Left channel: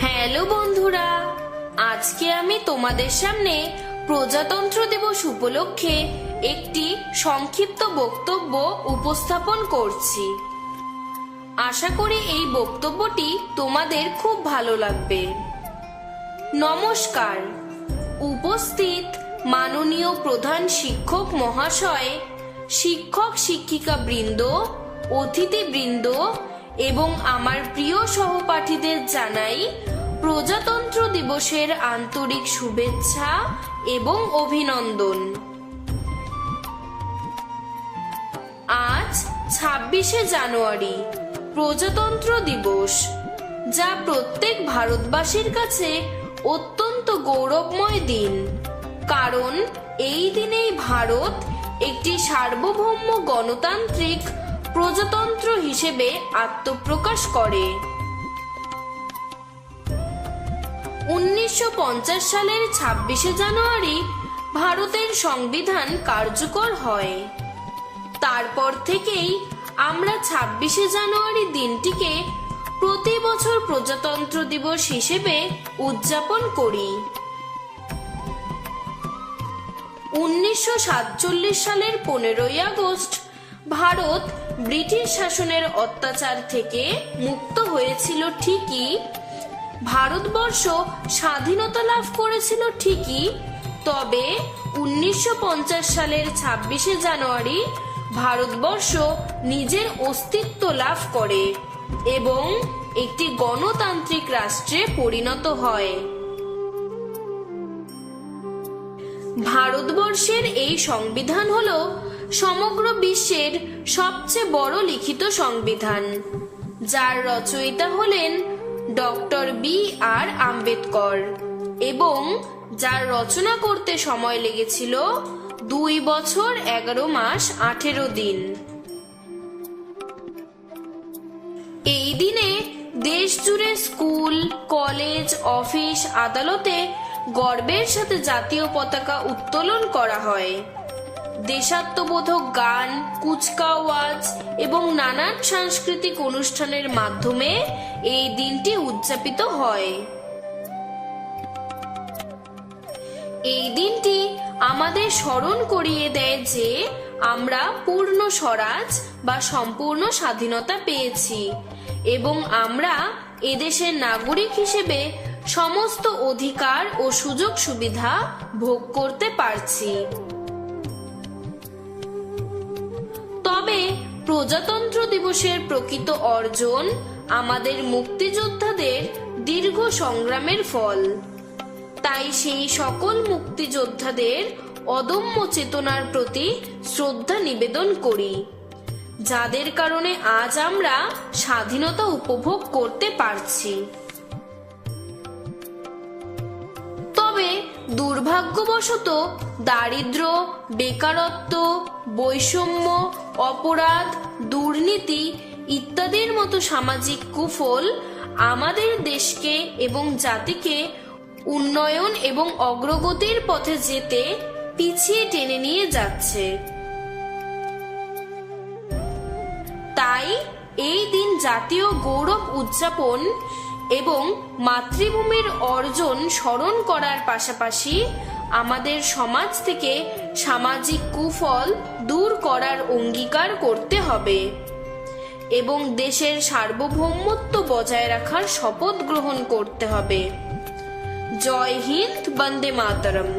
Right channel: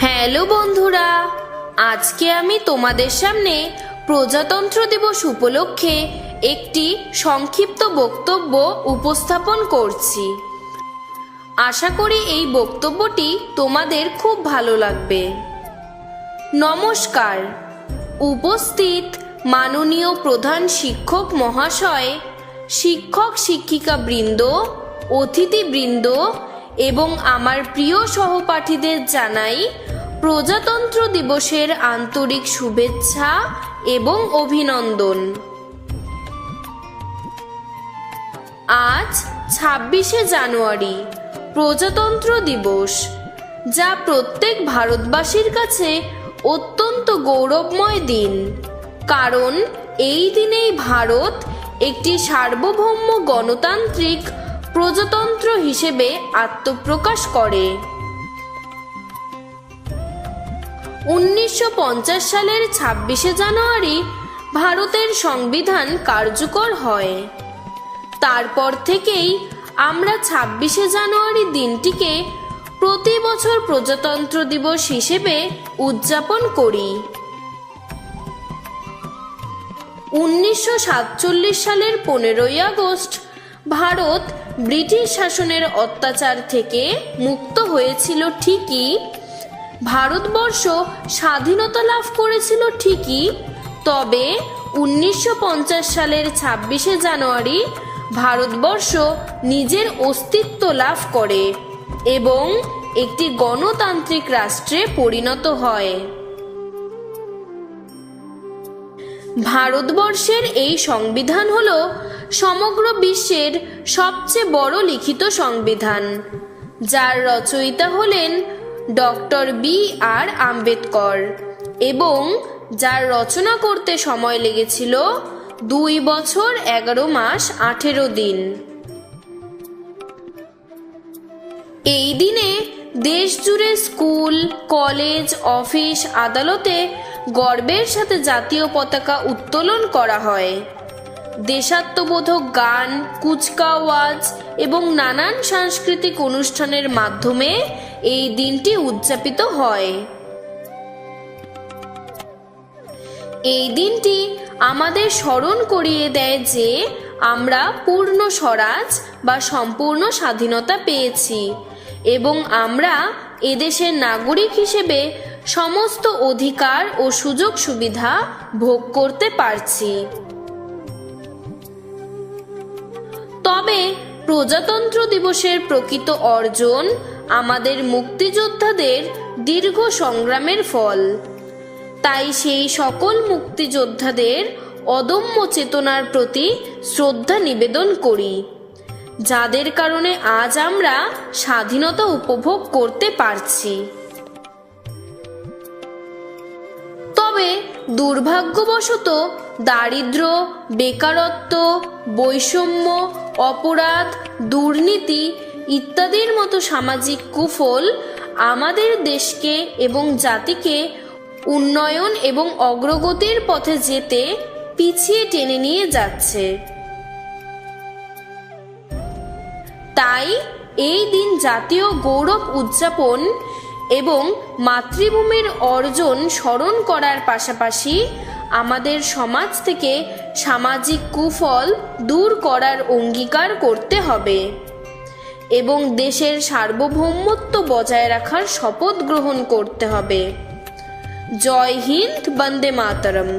Hello বন্ধুরা, আজকে আমি তোমাদের সামনে প্রজাতন্ত্র দিবস উপলক্ষে একটি সংক্ষিপ্ত বক্তব্য উপস্থাপন করছি। আশা করি এই বক্তব্যটি তোমাদের খুব ভালো লাগবে। নমস্কার। উপস্থিত মাননীয় প্রধান শিক্ষক মহাশয়, শিক্ষক শিক্ষিকা বৃন্দ, অতিথিবৃন্দ এবং আমার প্রিয় সহপাঠীদের জানাই প্রজাতন্ত্র দিবসের আন্তরিক শুভেচ্ছা এবং অভিনন্দন। আজ ২৬শে জানুয়ারি, প্রজাতন্ত্র দিবস, যা প্রত্যেক ভারতবাসীর কাছে অত্যন্ত গৌরবময় দিন, কারণ এই দিনেই ভারত একটি সার্বভৌম গণতান্ত্রিক প্রজাতন্ত্র হিসেবে আত্মপ্রকাশ করে। ১৯৫০ সালের ২৬শে জানুয়ারি ভারতের সংবিধান কার্যকর হয়। তারপর থেকেই আমরা ২৬শে জানুয়ারি দিনটিকে প্রতি বছর প্রজাতন্ত্র দিবস হিসেবে উদযাপন করি। ১৯৪৭ সালের ১৫ই আগস্ট ভারত ব্রিটিশ শাসনের অত্যাচার থেকে মুক্ত হয়েছিল ঠিকই, ভারতবর্ষ স্বাধীনতা লাভ করেছিল ঠিকই, তবে ১৯৫০ সালের ২৬শে জানুয়ারি ভারতবর্ষ নিজের অস্তিত্ব লাভ করে এবং একটি গণতান্ত্রিক রাষ্ট্রে পরিণত হয়। ভারতবর্ষের এই সংবিধান হল সমগ্র বিশ্বের সবচেয়ে বড় লিখিত সংবিধান, যার রচয়িতা হলেন ডক্টর বি.আর. আম্বেদকর এবং যার রচনা করতে সময় লেগেছিল ২ বছর ১১ মাস ১৮ দিন। এই দিনে দেশ জুড়ে স্কুল, কলেজ, অফিস, আদালতে গর্বের সাথে জাতীয় পতাকা উত্তোলন করা হয়। দেশাত্মবোধক গান, কুচকাওয়াজ এবং নানান সাংস্কৃতিক অনুষ্ঠানের মাধ্যমে এই দিনটি উদযাপিত হয়। এই দিনটি আমাদের স্মরণ করিয়ে দেয় যে আমরা পূর্ণ স্বরাজ বা সম্পূর্ণ স্বাধীনতা পেয়েছি এবং আমরা এদেশের নাগরিক হিসেবে সমস্ত অধিকার ও সুযোগ সুবিধা ভোগ করতে পারছি। তবে প্রজাতন্ত্র দিবসের প্রকৃত অর্জন আমাদের মুক্তিযোদ্ধাদের দীর্ঘ সংগ্রামের ফল। তাই সেই সকল মুক্তিযোদ্ধাদের অদম্য চেতনার প্রতি শ্রদ্ধা নিবেদন করি, যাদের কারণে আজ আমরা স্বাধীনতা উপভোগ করতে পারছি। তবে দুর্ভাগ্যবশত দারিদ্র্য, বেকারত্ব, বৈষম্য, অপরাধ, দুর্নীতি ইত্যাদির মতো সামাজিক কুফল আমাদের দেশকে এবং জাতিকে উন্নয়ন এবং অগ্রগতির পথে যেতে পিছিয়ে টেনে নিয়ে যাচ্ছে। তাই এই দিন জাতীয় গৌরব উদযাপন এবং মাতৃভূমির অর্জন স্মরণ করার পাশাপাশি আমাদের সমাজ থেকে সামাজিক কুফল দূর করার অঙ্গীকার করতে হবে এবং দেশের সার্বভৌমত্ব বজায় রাখার শপথ গ্রহণ করতে হবে। জয় হিন্দ, বন্দে মাতরম।